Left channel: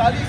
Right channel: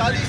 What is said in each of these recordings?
40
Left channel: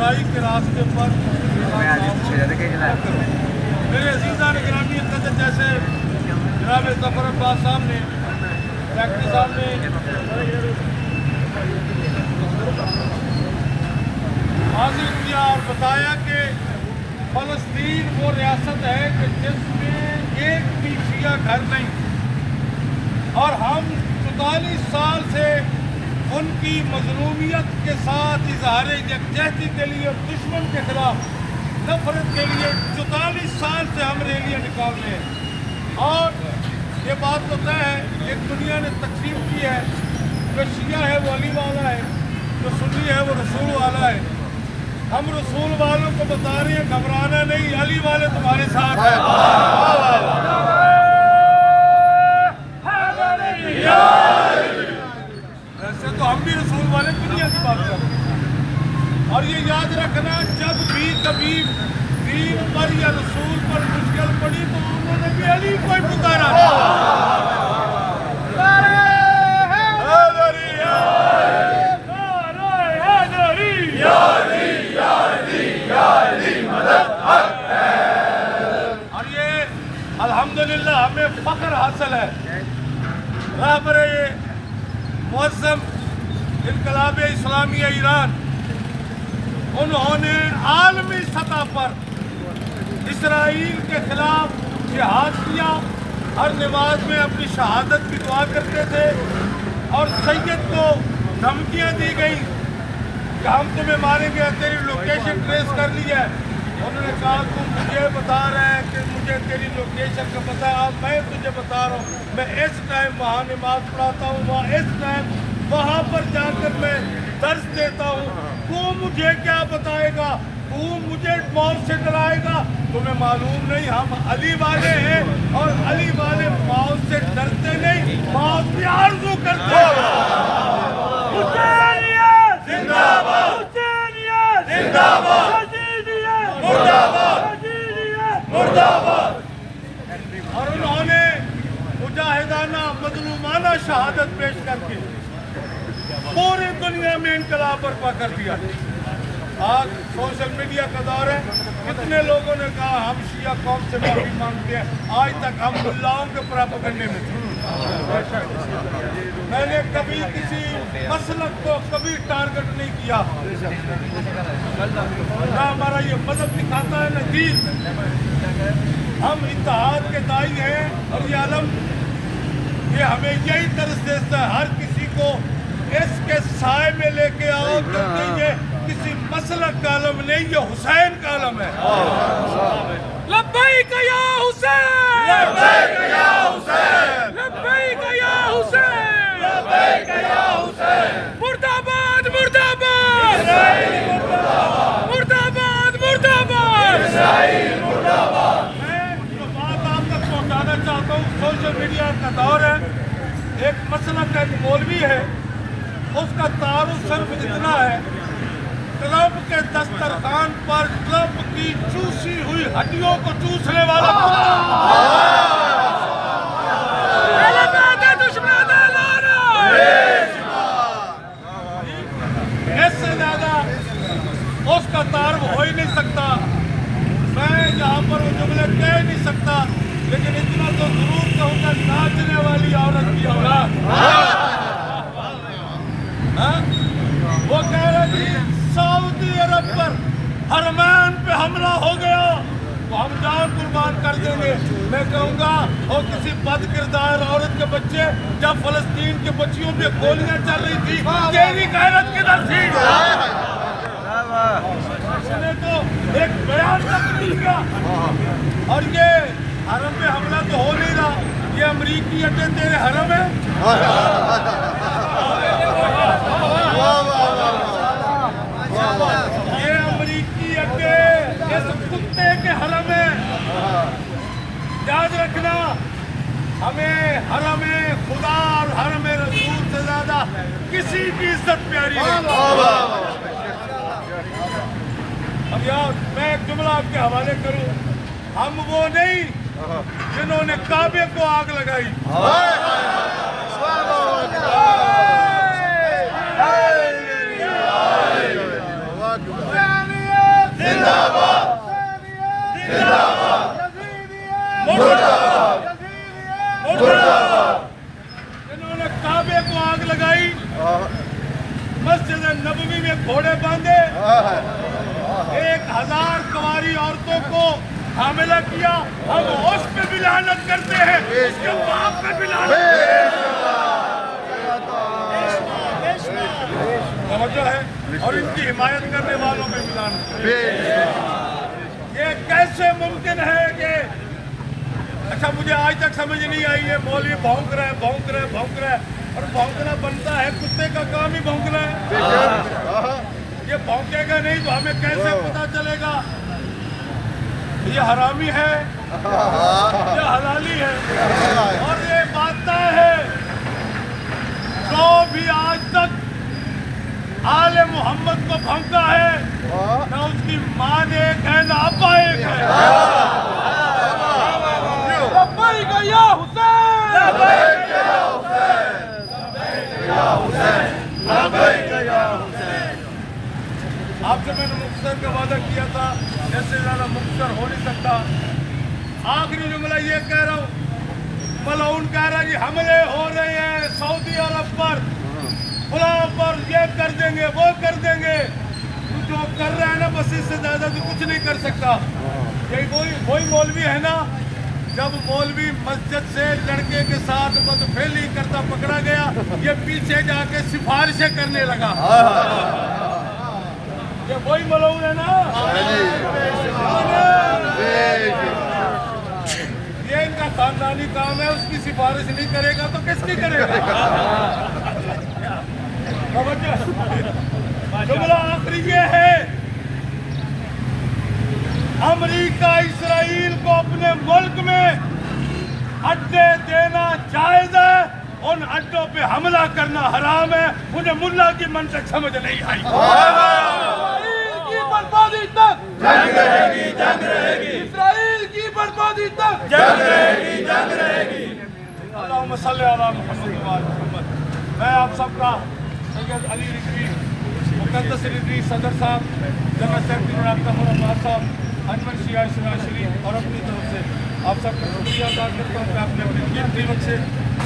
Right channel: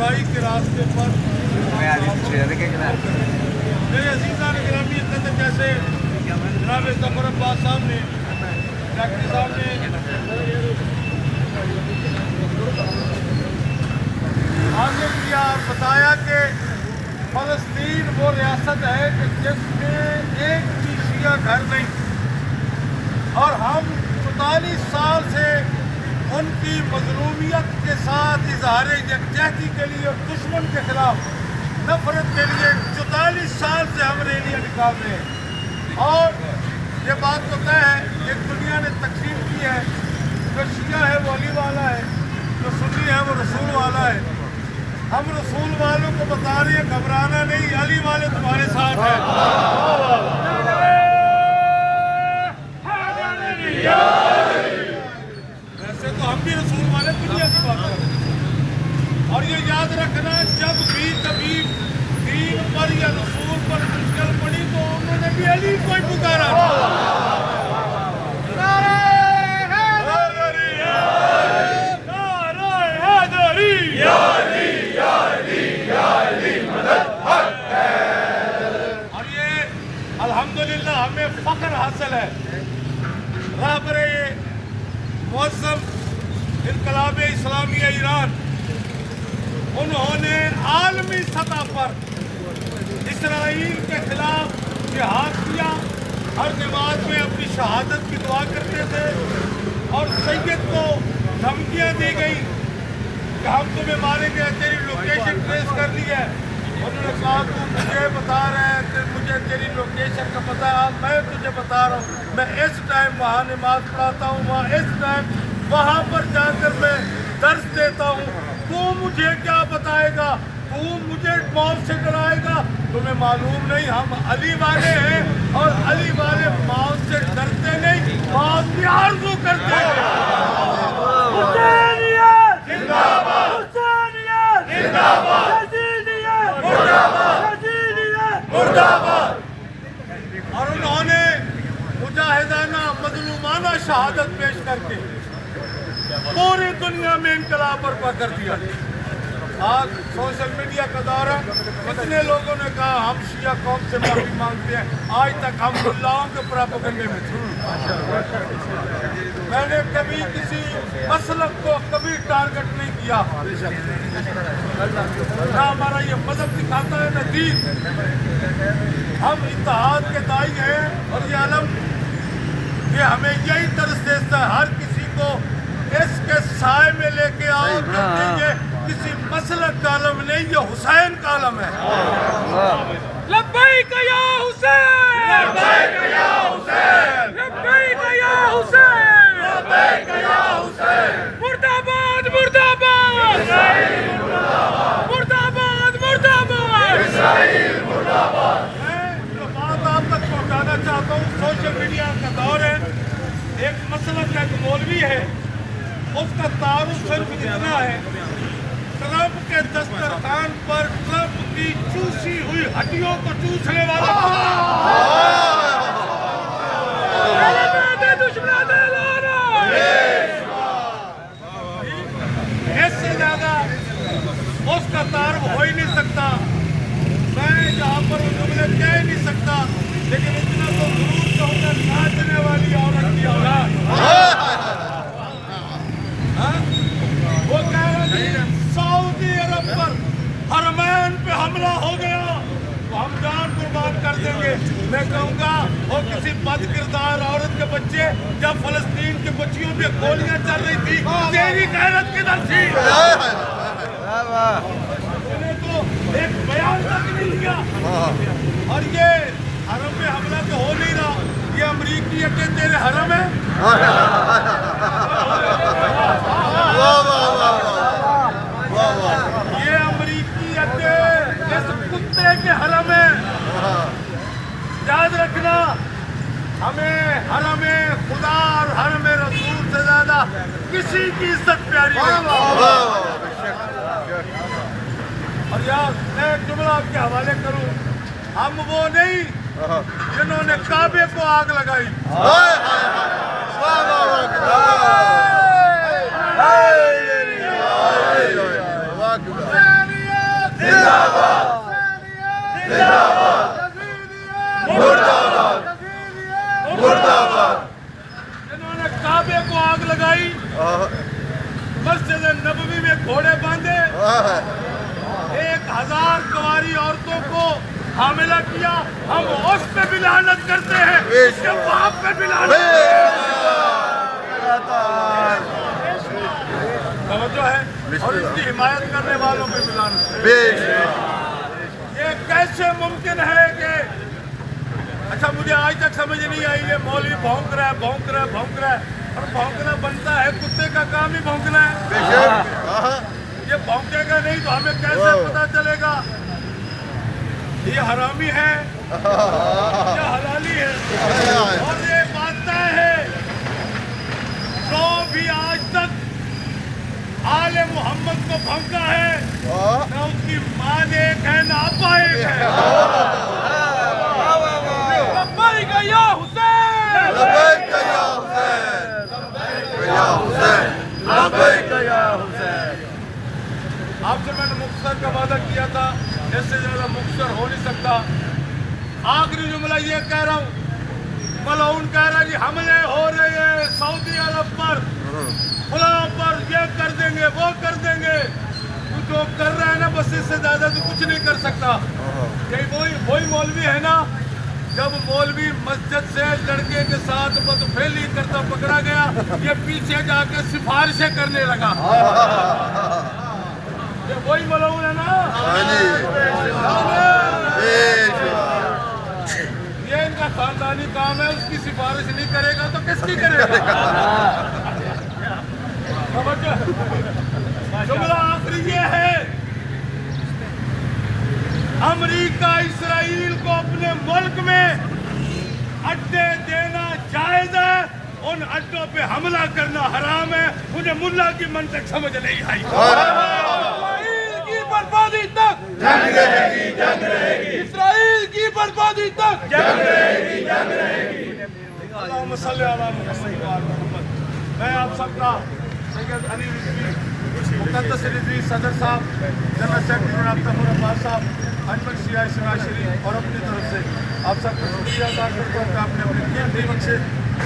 برائی کے راستے پر میرے عزیزان گرامی جیسے جناب ظفر عباس صاحب نے فیکٹری صاحب نے واضح کیا اور بتایا کہ فلسطین وہ ریاست ہے کہ جس میں ایک بھی شیعہ گھر نہیں، اور ہم 44 سال سے ان کی مظلومیت کے ساتھ اظہار یکجہتی کے لیے اور دشمن کے خلاف نفرت کے لیے 44 سال سے ہم ریلیاں نکال رہے ہیں۔ اور یہ بات تو طے ہے، ایک دنیا نے تقسیم کی ہے، جو شیعہ ہے وہ علی والا ہے، جو سنی ہے وہ رسول والا ہے۔ ہم رسول والوں کو بتا رہے ہیں گھبرانا نہیں، علی والے تمہارے ساتھ ہیں۔ ویسے تو ہم بھی رسول والے دنیا کی بات کر رہے ہیں، اور یہ یاد رکھنا جب بھی کبھی دین پر یا رسول پر مشکل پڑی تو انہوں نے بھی علی کو ہی پکارا تھا۔ اور یہ الحمدللہ ہمیں فخر حاصل ہے، رہبر معظم انقلاب اسلامیہ ایران، انہوں نے عالمی سطح پر اسرائیل کے خلاف جہاد کیا، ہر نماز میں اپنی شہادت کی دعا کرتے تھے، اور سید کو دھمکیاں دی گئیں کہ ہم تمہیں ماریں گے، تیری لوکیشن ٹریس کر لی ہے۔ انہوں نے کہا تو مجھے بتا رہا ہے کہ مجھے تیری لوکیشن کا پتہ ہے، میں تجھے بتا رہا ہوں، میں اس ٹائم وہاں نماز پڑھاتا ہوں، وہاں اس ٹائم وہاں پر جا کر میں درس دیتا ہوں، تو مجھے کیا بتائے گا؟ تو مجھے موت سے ڈرائے گا؟ تمہیں معلوم نہیں ہم علی والے ہیں، اور علی والے موت سے ڈرتے نہیں، موت کی آرزو کرتے ہیں۔ حسینیت زندہ باد، حسینیت زندہ باد، یزیدیت مردہ باد، یزیدیت مردہ باد۔ اور انہوں نے مجاہدانہ مظلومانہ شہادت پیش کر کے پوری دنیا میں انقلاب برپا کر دیا۔ آج سوشل میڈیا کا دور ہے، کتنے لوگوں نے کہا ہم شیعہ قوم سے معافی مانگتے ہیں، آج تک ہم ملاؤں کے پراپیگنڈے میں تھے۔ میں نے کبھی کسی مسلک کو کبھی ٹارگٹ نہیں کیا، نہ ہمارا یہ مذہب دکھاتا ہے نہ دین۔ ہم اتحاد کے داعی ہیں، اور یہ علم یہ ہمیں یہی درس دیتا ہے، ہر کسی کو اس کے سائے میں لے کے آؤ، کیونکہ یہ کسی مسلک کا علم نہیں، یہ حسین کا علم ہے۔ لبیک یا حسین، لبیک یا حسین، لبیک یا حسین، لبیک یا حسین، مردہ باد، مردہ باد، اسرائیل مردہ باد، مردہ باد، مردہ باد، اسرائیل مردہ باد۔ میں جو بات آپ تک پہنچانا چاہتا ہوں، سوشل میڈیا کا دور ہے، ایک مسلک کا ایک مولوی ہے، اس کا تعارف صرف اتنا ہے، ٹرمپ کے دسترخوان پر ٹرمپ کی چوسی ہوئی ہڈیوں کو چوسنے والا اس سے زیادہ اس کا تعارف ہو ہی نہیں سکتا۔ میں یہاں پر وہ جملے کہہ ہی نہیں سکتا، لیکن اتنا تو ضرور کہوں گا، ناچنے والی عورت کی اولاد۔ وہ کہہ رہے تھے سعودی عرب پر حرمین پہ حملہ ہو گیا تو ہم جان قربان کر دیں گے۔ میں کہوں گا وہ کسی بد کردار عورت کے بچے، جب فلسطین کے بچیوں پہ گولیاں چل رہی تھی، تیری غیرت کدھر تھی؟ اس نے تو ایک بیان تک نہیں کیا۔ اور یہ حرم پہ حملہ تو ہو نہیں رہا، یہ امریکی اڈے تیرے حرم ہے؟ یہ امریکی اڈے اس کتے کے حرم ہے۔ یاد رکھنا، ہمیں حرم خدا اور حرم رسول سے زیادہ کسی کی عزت پیاری نہیں۔ اور یار میں ایک جملہ آپ کے حوالے کروں، ہم وہ نہیں جنہوں نے کعبے کو آگ لگائی، مسجد نبوی میں گھوڑے باندھے 1000 کنواری عورتوں کو حاملہ کیا. ہم اس پہ بھی لعنت کرتے ہیں, اس کے باپ پہ بھی لعنت کرتے ہیں. توجہ ہے, اور ان کی حمایت کرنے والوں پہ بھی لعنت کرتے ہیں. یہ کیسے ممکن ہے کہ اچھا مجھے آج تک سمجھ نہیں آئی ہے, مولوی بھونک رہا ہے اور بھونکنا بنتا ہے, کتے کا کام ہی بھونکنا ہے. یہ بھونکے گا نہیں تو ہمیں کیسے پتا چلے گا یہ حرامی ہے یا حلالی ہے. اور یہ بات طے ہے, جو بھی آج تک آل محمد کو بھونکا ہے نہ اس کی ماں ایک ہے نہ ابا ایک ہے. یا آپ سے میں نے مختصر کا وعدہ کیا تھا, اس سے زیادہ مختصر ہو نہیں سکتا. آخری جملہ یہ کہہ رہا ہوں, ملعون کہہ رہا ہے کہ حملے ہو رہے ہیں سعودی عرب پر, فلاں پر, یہ کر دیں گے وہ کر دیں گے. جو کر رہا ہے نا بس اس سے زیادہ تو کچھ نہیں کر سکتا. یہی وہی مولوی ہے نا, جب مولوی مسجد سے لڑکے کے ساتھ بدفعلی کرتا پکڑا گیا, یہ پیچھے جا کے سفارشیں کرنے لگا. یہ وہی ملعون ہے نا. یہ ان کا خاندانی کام ہے, اس کی سفارش نہیں کرے گا تو کس کی کرے گا. جملہ آخری یہ ہے, امریکہ اسرائیل کو اپنے ملک میں اڈے دینا جائز ہے, ان اڈوں پہ حملہ کرنا حرام ہے. انہیں ملا کی منطق سمجھ نہیں آئی. اسرائیل کی بربادی تک جنگ رہے گی, اسرائیل کی بربادی تک جنگ رہے گی. اللہم صلی علی محمد و آل محمد. میں آپ سب کا سید علی رضوی, مقدس رضوی صدر صاحب, جنرل سیکرٹری جناب طاہر عباس صاحب, انجمن شیعہ اجتماع شریف اور اپنی طرف سے آپ سب کا شکریہ ادا کرتا ہوں کہ آپ نے اپنے قیمتی وقت سے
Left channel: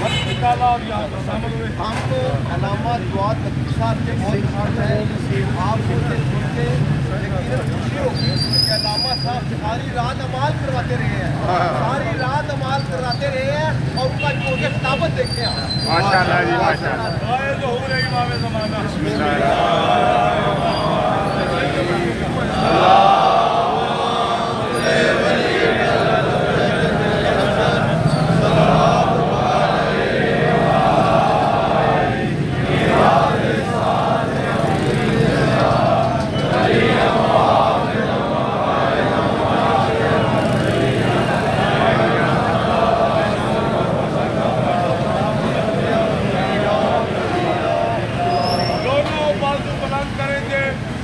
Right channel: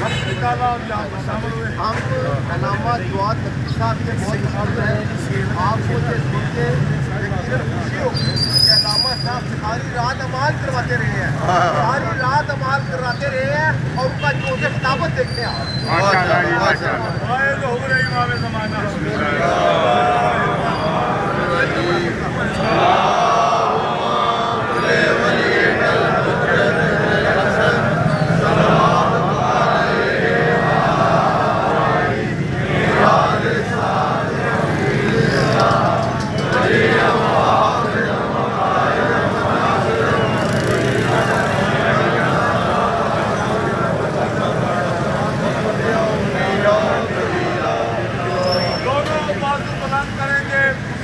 وقت نکالا اور یہاں پر شامل ہوئے. ہم علامہ جواد نقوی صاحب کے بہت پسند ہیں. آپ کو یہ سن کے یقیناً خوشی ہوگی کہ علامہ صاحب ساری رات عمال کرواتے رہے ہیں, ساری رات عمال کراتے رہے ہیں, اور ان کا جو خطابت دیکھیں آپ. آئے تو ہو رہی امام زمانہ.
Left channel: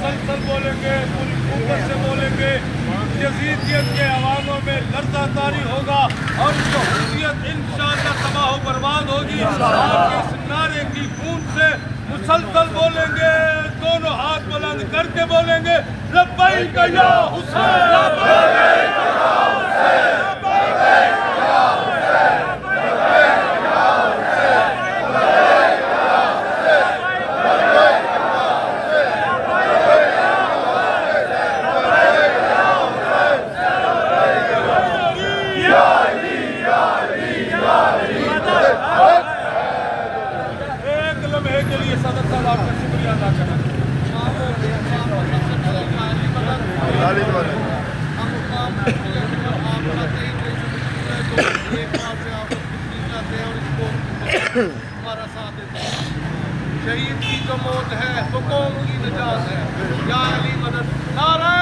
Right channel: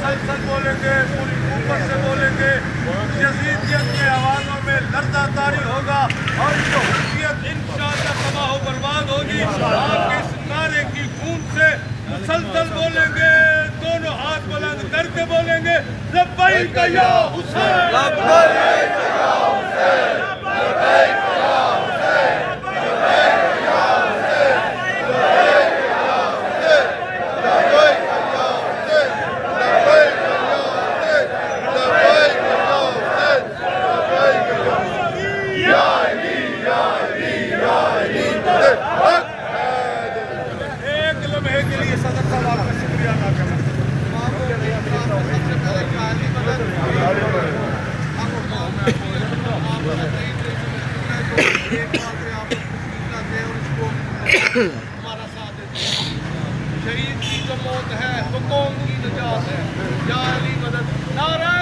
مسلسل بولیں گے, پوری قوت سے بولیں گے. یزیدیت کے آوازوں میں لرزہ طاری ہوگا اور یہودیت انشاءاللہ تباہ و برباد ہوگی. آپ کے اس نعرے کی گونج سے مسلسل بولیں گے, دونوں ہاتھ بلند کر کے بولیں گے, لبیک یا حسین, لبیک یا حسین, لبیک یا حسین, لبیک یا حسین, لبیک یا حسین, لبیک یا ایک لمحے کے لیے صدر صاحب آپ کا شکریہ ادا کرنا چاہتے ہیں. ہمارا ساتھ دیتے ہیں. شہید کی جو موت ہے وہ قوم کی نجات ہے. یا علی مدد. نعرہ